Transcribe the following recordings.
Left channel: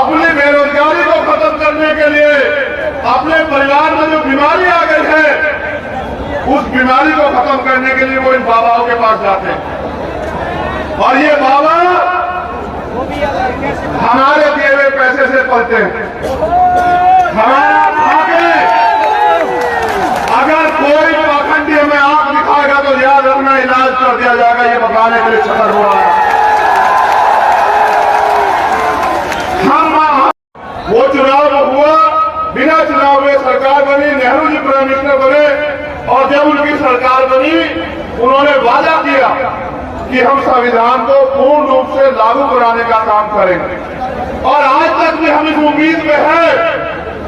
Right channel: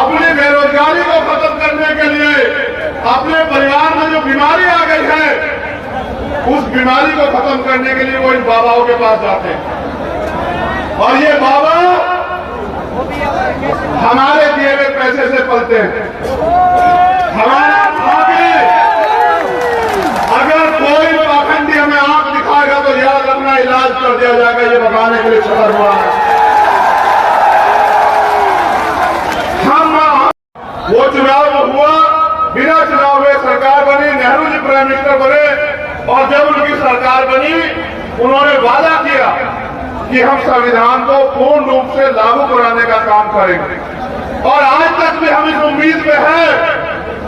अपनी बेरोजगारी को खत्म करने के लिए, अपने परिवार में जो बीमारी आ गई है उस बीमारी को खत्म करने के लिए वो इन बाबाओं के पास जाते हैं। और ये बाबा हमारे दिए हुए पैसे से पलते हैं। हमारा खाके अगर कोई पाखंडी हमें आंख दिखाएगा तो याद रखना इलाज कर दिया जाएगा, ये बताने के लिए छतर हुआ है। वो चुनाव हुआ, बिना चुनाव हुए सरकार बनी, नेहरू जी प्राइम मिनिस्टर बने और जब उनकी सरकार बनी उन्होंने वादा किया कि हम संविधान को पूर्ण रूप से लागू कराने का काम करेंगे। और आज तक भी हम इस उम्मीद में है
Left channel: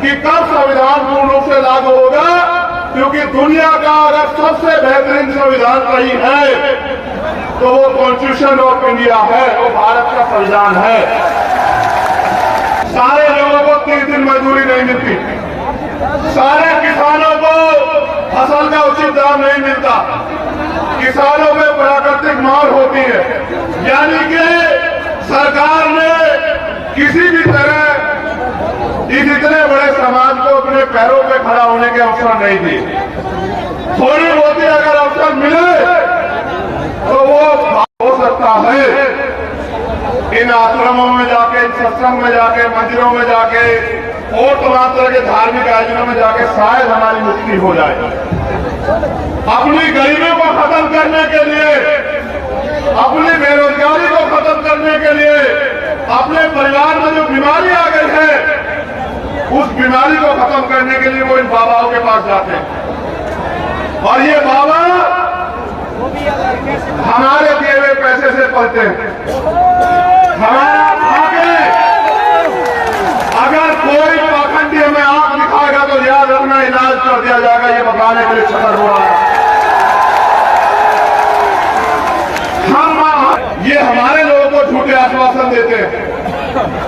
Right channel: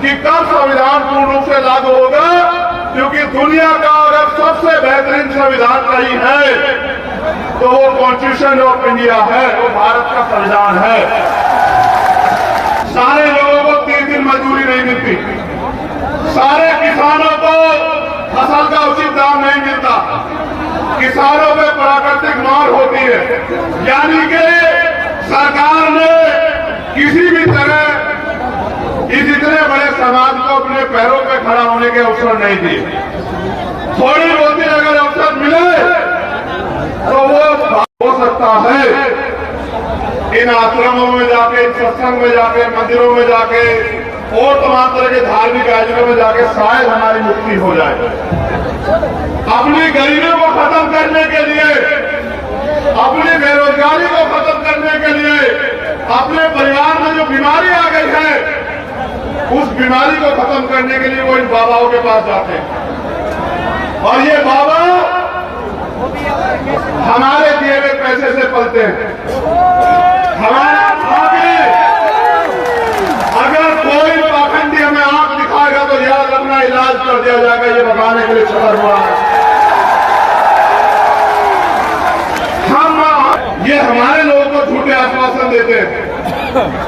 कि कब संविधान पूर्ण रूप से लागू होगा, क्योंकि दुनिया का अगर सबसे बेहतरीन संविधान कहीं है तो वो कॉन्स्टिट्यूशन ऑफ इंडिया है, वो भारत का संविधान है। सारे लोगों को 3 दिन मजदूरी नहीं मिलती, सारे किसानों को फसल का उचित दाम नहीं मिलता, किसानों पे प्राकृतिक मार होती है। यानी कि सरकार ने किसी भी तरह इस इतने बड़े समाज को अपने पैरों पे खड़ा होने के अवसर नहीं दिए। थोड़ी बहुत अगर अवसर मिले तो वो हो सकता है इन आश्रमों में जाके, इन सत्संग में जाके, मंदिरों में जाके और तमाम तरह के धार्मिक आयोजनों में जाके शायद हमारी मुक्ति हो जाए। अपनी गरीबी को खत्म करने के लिए, अपनी बेरोजगारी को खत्म करने के लिए, अपने परिवार में जो बीमारी आ गई है उस बीमारी को खत्म करने के लिए वो इन बाबाओं के पास जाते हैं। और ये बाबा हमारे दिए हुए पैसे से पलते हैं। हमारा खाके अगर कोई पाखंडी हमें आंख दिखाएगा तो याद रखना इलाज कर दिया जाएगा, ये बताने के लिए छतर हुआ है। ये हमारे लोगों को झूठे आश्वासन देते हैं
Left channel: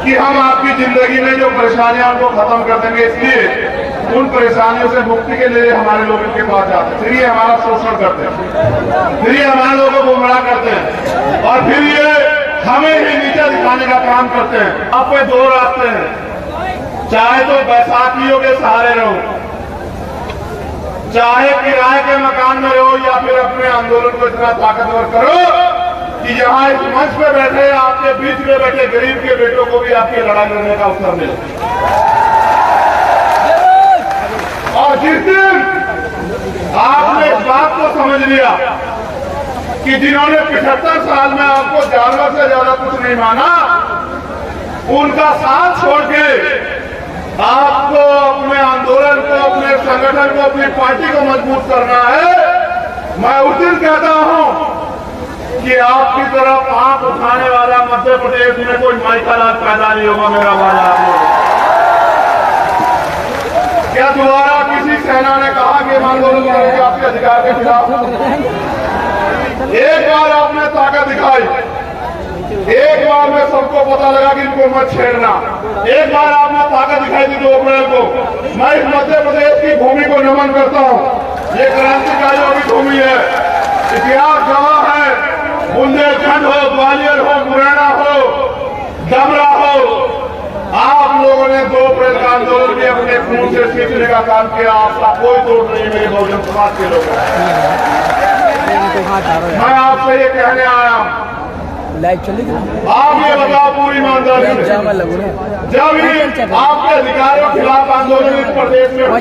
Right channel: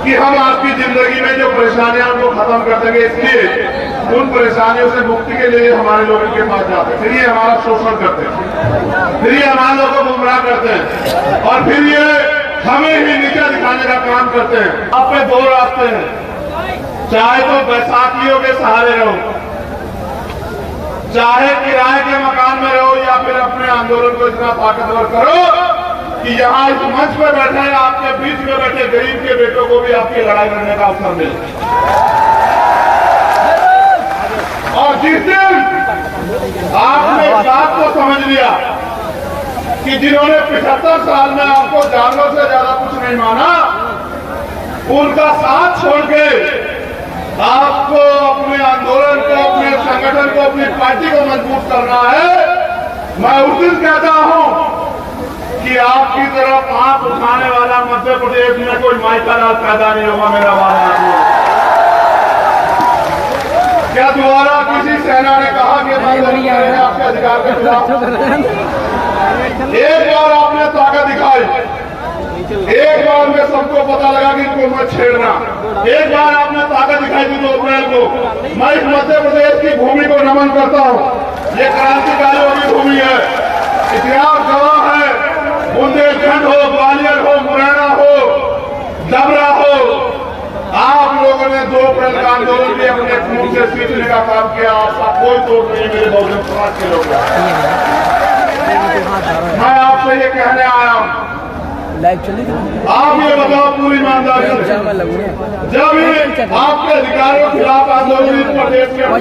कि हम आपकी जिंदगी में जो परेशानियां उनको खत्म कर देंगे, इसलिए उन परेशानियों से मुक्ति के लिए हमारे लोगों के पास जाते हैं। फिर ये हमारा शोषण करते हैं, फिर ये हमारे लोगों को गुमराह करते हैं और फिर ये हमें ही नीचे दिखाने का काम करते हैं। आप पे 2 रास्ते हैं, चाहे तो बैसाखियों के सहारे रहो, चाहे किराए के मकान में रहो, या फिर अपने आंदोलन को इतना ताकतवर करो कि यहाँ इस मंच पे बैठे आपके बीच में बैठे गरीब के बेटों को भी आपकी लड़ाई लड़ने का अवसर मिले। और जिस दिन आपने इस बात को समझ लिया कि जिन्होंने 75 साल में आपको जानवर से ज्यादा कुछ नहीं माना, उनका साथ छोड़ के आपको अपने आंदोलन को, अपने संगठन को, अपनी पार्टी को मजबूत करना है, मैं उस दिन कहता हूं कि आपकी तरफ आंख उठाने वाला मध्य प्रदेश में कोई माइकालाल पैदा नहीं होगा। मेरा वादा क्या दोबारा किसी सेना ने कहा कि हम आंदोलन करेंगे आपके अधिकार के खिलाफ? एक बार आपने ताकत दिखाई, एक बार में सबको पता लगा कि इनको मत छेड़ना, एक बार आपने ताकत दिखाई थी 2 अप्रैल को। मैं इस मध्य प्रदेश की भूमि को नमन करता हूं। ये क्रांतिकारियों की भूमि है, इतिहास गवाह है। बुंदेलखंड हो, ग्वालियर हो, मुरैना हो, डबरा हो, आप लोगों ने 2 अप्रैल का आंदोलन भी अपने खून से सींचने का काम किया। आपका कोई तोड़ नहीं मेरे बहुजन समाज के लोगों। मैं आपसे ये कहने आया हूं, आप ये बताओ पूरी ईमानदारी से, जब आपके अधिकारों के खिलाफ आंदोलन इस प्रदेश में हुआ,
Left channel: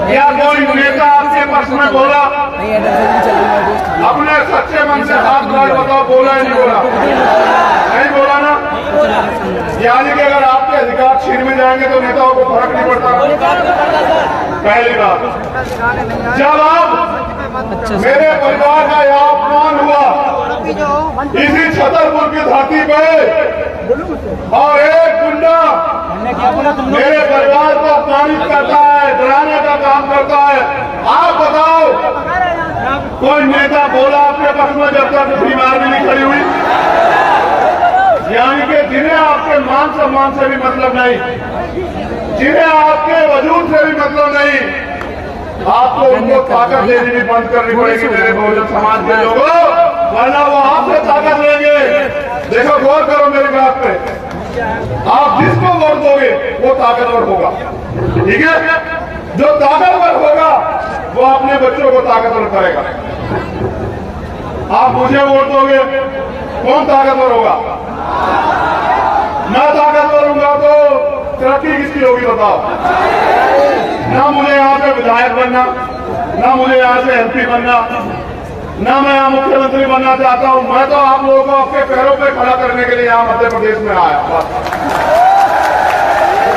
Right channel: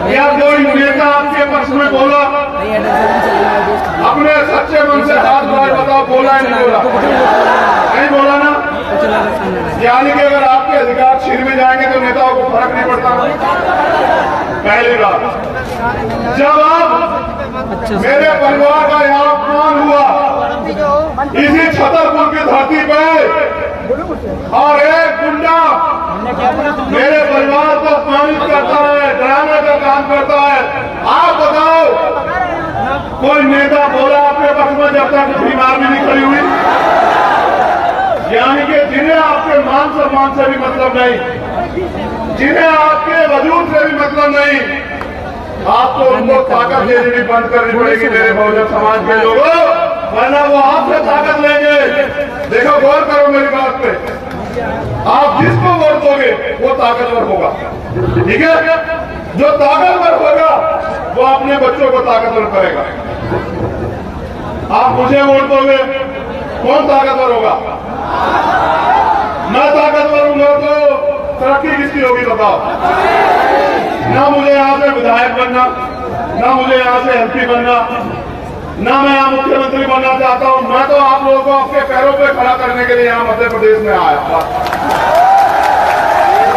क्या कोई नेता आपके पक्ष में बोला? अपने सच्चे मन से हाथ बार बताओ, बोला या नहीं बोला? नहीं बोला ना। यानी कि अगर आपके अधिकार छीन में जाएंगे तो नेताओं को फर्क नहीं पड़ता। पहली बात, जब आप मेरे परिवार का यहाँ अपमान हुआ इसी छतरपुर की धरती पे और एक गुंडा मेरे परिवार को अपमानित करता है, डराने का काम करता है, आप बताओ कोई नेता बोला आपके पक्ष में जब तक बीमार भी नहीं खड़ी हुई? यानी कि जिन्हें आपके मान सम्मान से भी मतलब नहीं, जिन्हें आपके वजूद से भी मतलब नहीं, आपको उनको ताकत लेनी भी बंद करनी पड़ेगी मेरे बहुजन समाज के लोगों, वरना वो आपसे ताकत लेंगे। देखो, गौर करो मेरी बात पे। आप जिसको वोट दोगे वो ताकतवर होगा, ठीक है। जो ताकतवर होगा वो अपने बच्चों को ताकतवर करेगा। आप मुझे वोट दोगे, कौन ताकतवर होगा? मैं ताकतवर हूंगा तो तरक्की किसकी होगी बताओ? ना मुझे यहां से विधायक बनना, ना मुझे यहां से एमपी बनना, ना मैं यहां मुख्यमंत्री बनना चाहता हूं। मैं तो आप लोगों को आपके पैरों पे खड़ा करने के लिए यहां मध्य प्रदेश में आया।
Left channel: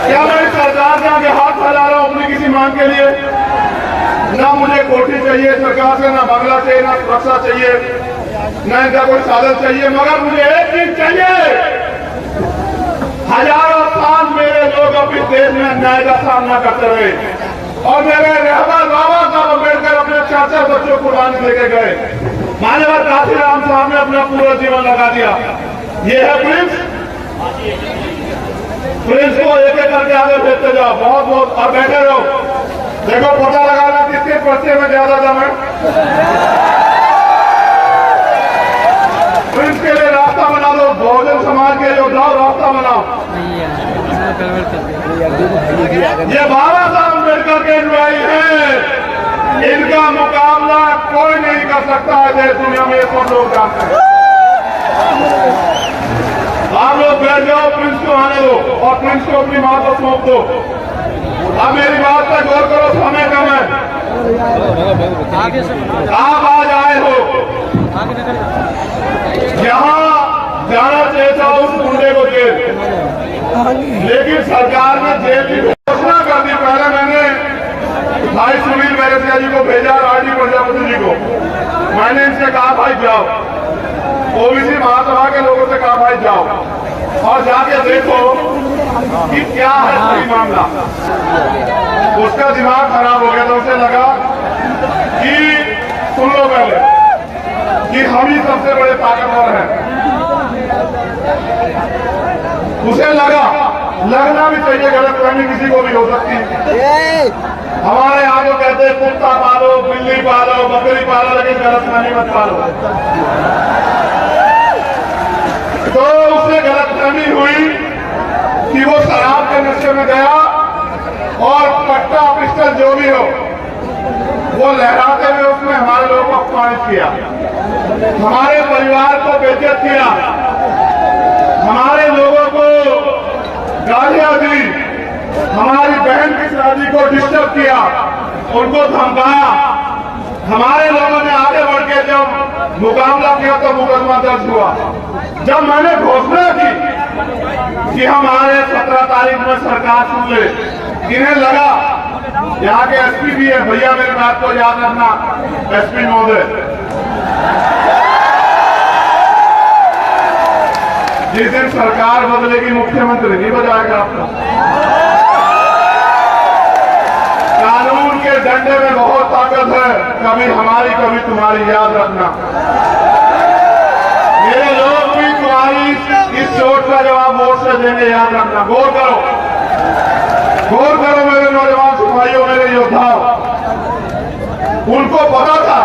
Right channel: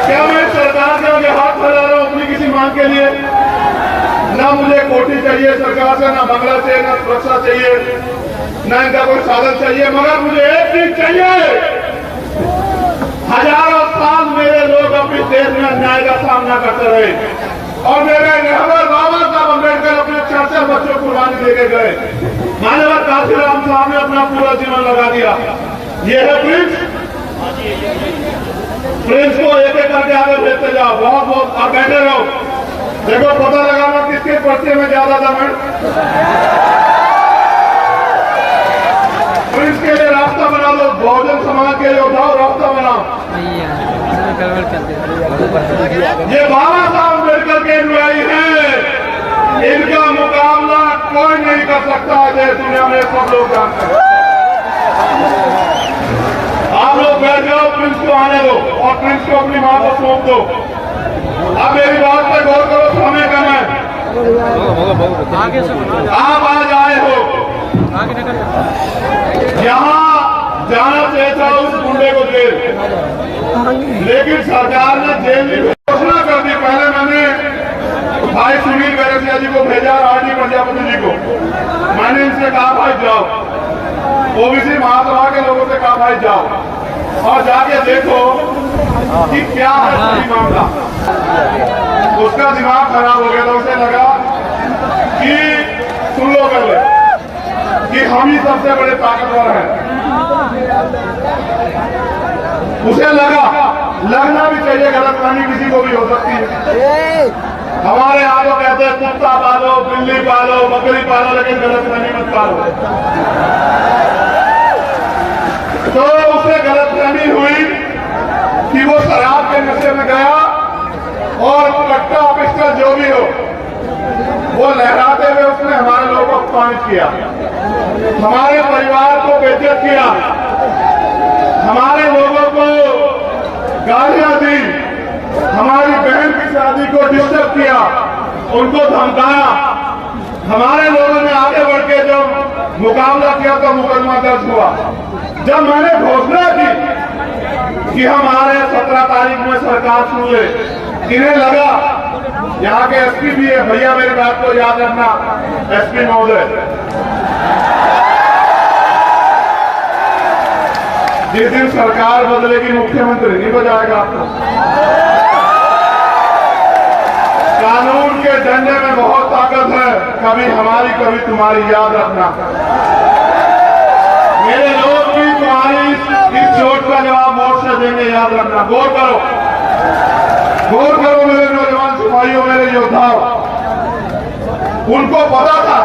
क्या मैं इस सरकार के आगे हाथ फैला रहा हूं अपनी किसी मांग के लिए? ना मुझे कोठी चाहिए सरकार से, ना बंगला चाहिए, ना सुरक्षा चाहिए, ना इनका कोई साधन चाहिए, मगर मुझे एक चीज चाहिए। हजारों साल मेरे लोग अपने देश में अन्याय का सामना करते रहे और मेरे रहबर बाबा साहब अम्बेडकर अपने 4 बच्चों को कुर्बानी देके गए। मान्यवर काशीराम साहब ने अपना पूरा जीवन लगा दिया। ये है प्रिंस। प्रिंस को एक एक करके आगे भेजते जाओ। बहुत बहुत आप बैठे रहो, देखो पता लगाना किसके पर्चे में ज्यादा दम है। प्रिंस के लिए रास्ता बना दो, बहुजन समाज के योद्धाओं रास्ता बनाओ। ये बाबा साहब अम्बेडकर के अनुयायी हैं, इनका मुकाबला कोई नहीं कर सकता है देश दुनिया में, सब लोग जानते हैं। आप लोग बैठ जाओ, प्रिंस को आने दो और प्रिंस को अपनी मां को सौंप दो। अब मेरी बात पर गौर करो, समय कम है। आगे से आप आज आए हो, आगे निकल यहाँ जाना चाहिए था उस गुंडे को जेल, लेकिन सरकार ने जेल की घोषणा कर दी। पहले मैंने भाई सुनील बैरसिया जी को भेजा, आरडी प्रजापति जी को। मैंने इनसे कहा भाई जाओ, ओबीसी महासभा के लोगों से कहा भाई जाओ और जाके देखो कि क्या है सही मामला। उसका दिमाग खराब हो गया था, उसे लगा कि सुन लो पहले कि हम ही सबसे बड़े ताकतवर हैं। उसे लगना भी चाहिए, गलतफहमी किसी को भी हो सकती है। हमारे यहाँ तो कहते हैं कुत्ता पालो, बिल्ली पालो, बकरी पालो, लेकिन गलतफहमी मत पालो। तो उसे गलतफहमी हुई कि वो शराब के नशे में गया और पट्टा पिस्टल जो भी हो वो लहराते हुए उसने हमारे लोगों को अपमानित किया, हमारे परिवार को बेइज्जत किया, हमारे लोगों को गालियां दी, हमारी बहन की शादी को डिस्टर्ब किया, उनको धमकाया। हमारे लोगों ने आगे बढ़ के जब मुकाबला किया तो मुकदमा दर्ज हुआ। जब मैंने घोषणा की कि हम आ रहे 17 तारीख में सरकार सुन ले, इन्हें लगा यहाँ के एसपी भी है, भैया मेरी बात को याद रखना एसपी महोदय, जिस दिन सरकार बदलेगी मुख्यमंत्री नहीं बजाएगा आपको। कानून के डंडे में बहुत ताकत है, कभी हमारी कभी तुम्हारी, याद रखना। मेरे लोग भी तुम्हारी इस चोट का जवाब वोट से देंगे, याद रखना। गौर करो मेरे नौजवान सिपाहियों, मेरे योद्धाओं। उनको पता था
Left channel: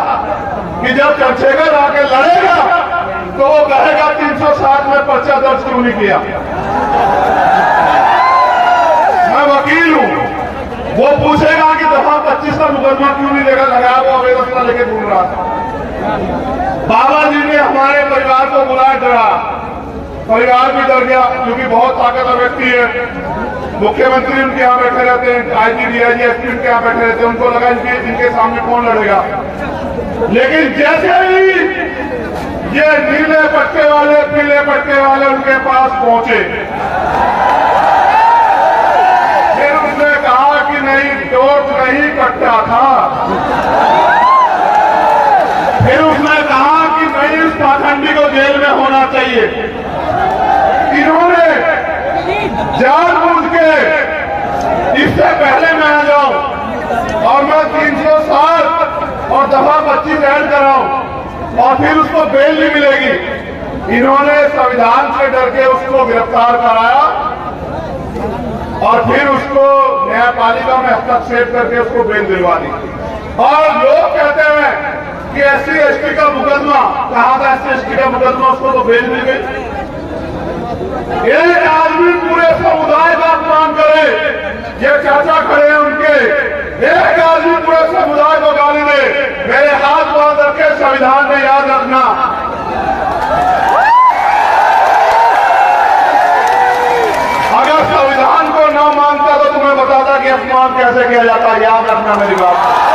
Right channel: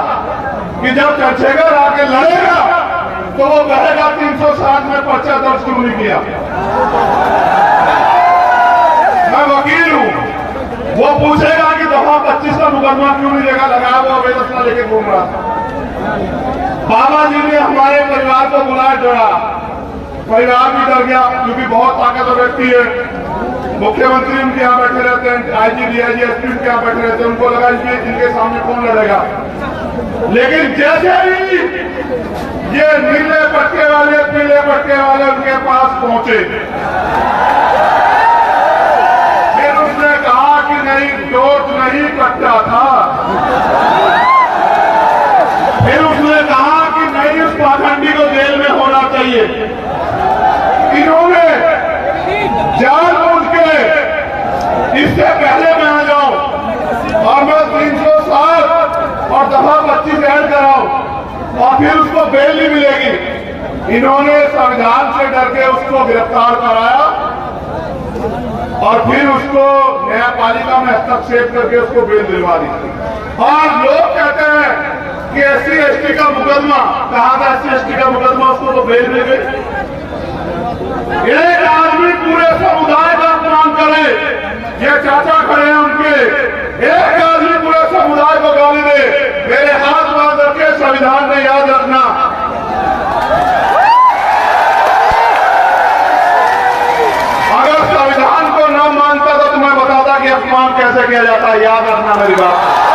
कि जब चर्चेगर आके लड़ेगा तो वो कहेगा 360 में पर्चा दर्ज क्यों नहीं किया। मैं वकील हूं, वो पूछेगा कि दफा 25 का मुकदमा क्यों नहीं देगा, लगा वो अवैध लेके घूम रहा था। बाबा जी ने हमारे परिवार को बुलाया, डरा, परिवार भी डर गया क्योंकि बहुत ताकतवर व्यक्ति है। मुख्यमंत्री उनके यहाँ बैठे रहते हैं, आईजी डीआईजी एसपी उनके यहाँ बैठे रहते हैं, उनको लगा जिनके सामने कौन लड़ेगा। लेकिन जैसे ही ये नीले पट्टे वाले पीले पट्टे वाले उनके पास पहुंचे, फिर उसने कहा कि नहीं, डोट नहीं कट्टा था। फिर उसने कहा कि नहीं, उस पाखंडी को जेल में होना चाहिए। इन्होंने जानबूझ के इससे पहले मैं आ जाऊं और मैं 307 और दफा 25 ऐड कराऊं और फिर उसको बेल नहीं मिलेगी। इन्होंने संविधान से डर के उसको गिरफ्तार कराया और फिर उसको न्यायपालिका में हस्तक्षेप करके उसको बेल दिलवा दी। और लोग कहते हैं कि SC ST का मुकदमा, कहाँ था SC ST का मुकदमा, उसको तो बेल मिल गई। एक आदमी पूरे समुदाय का अपमान करे, ये चाचा खड़े हैं उनके, एक आदमी पूरे समुदाय को गाली दे, मेरे हाथ बांध करके संविधान में याद रखना, अगर संविधान को न मानता तो तुम्हें बताता कि अपमान कैसे किया जाता है। याद रखना मेरी बात।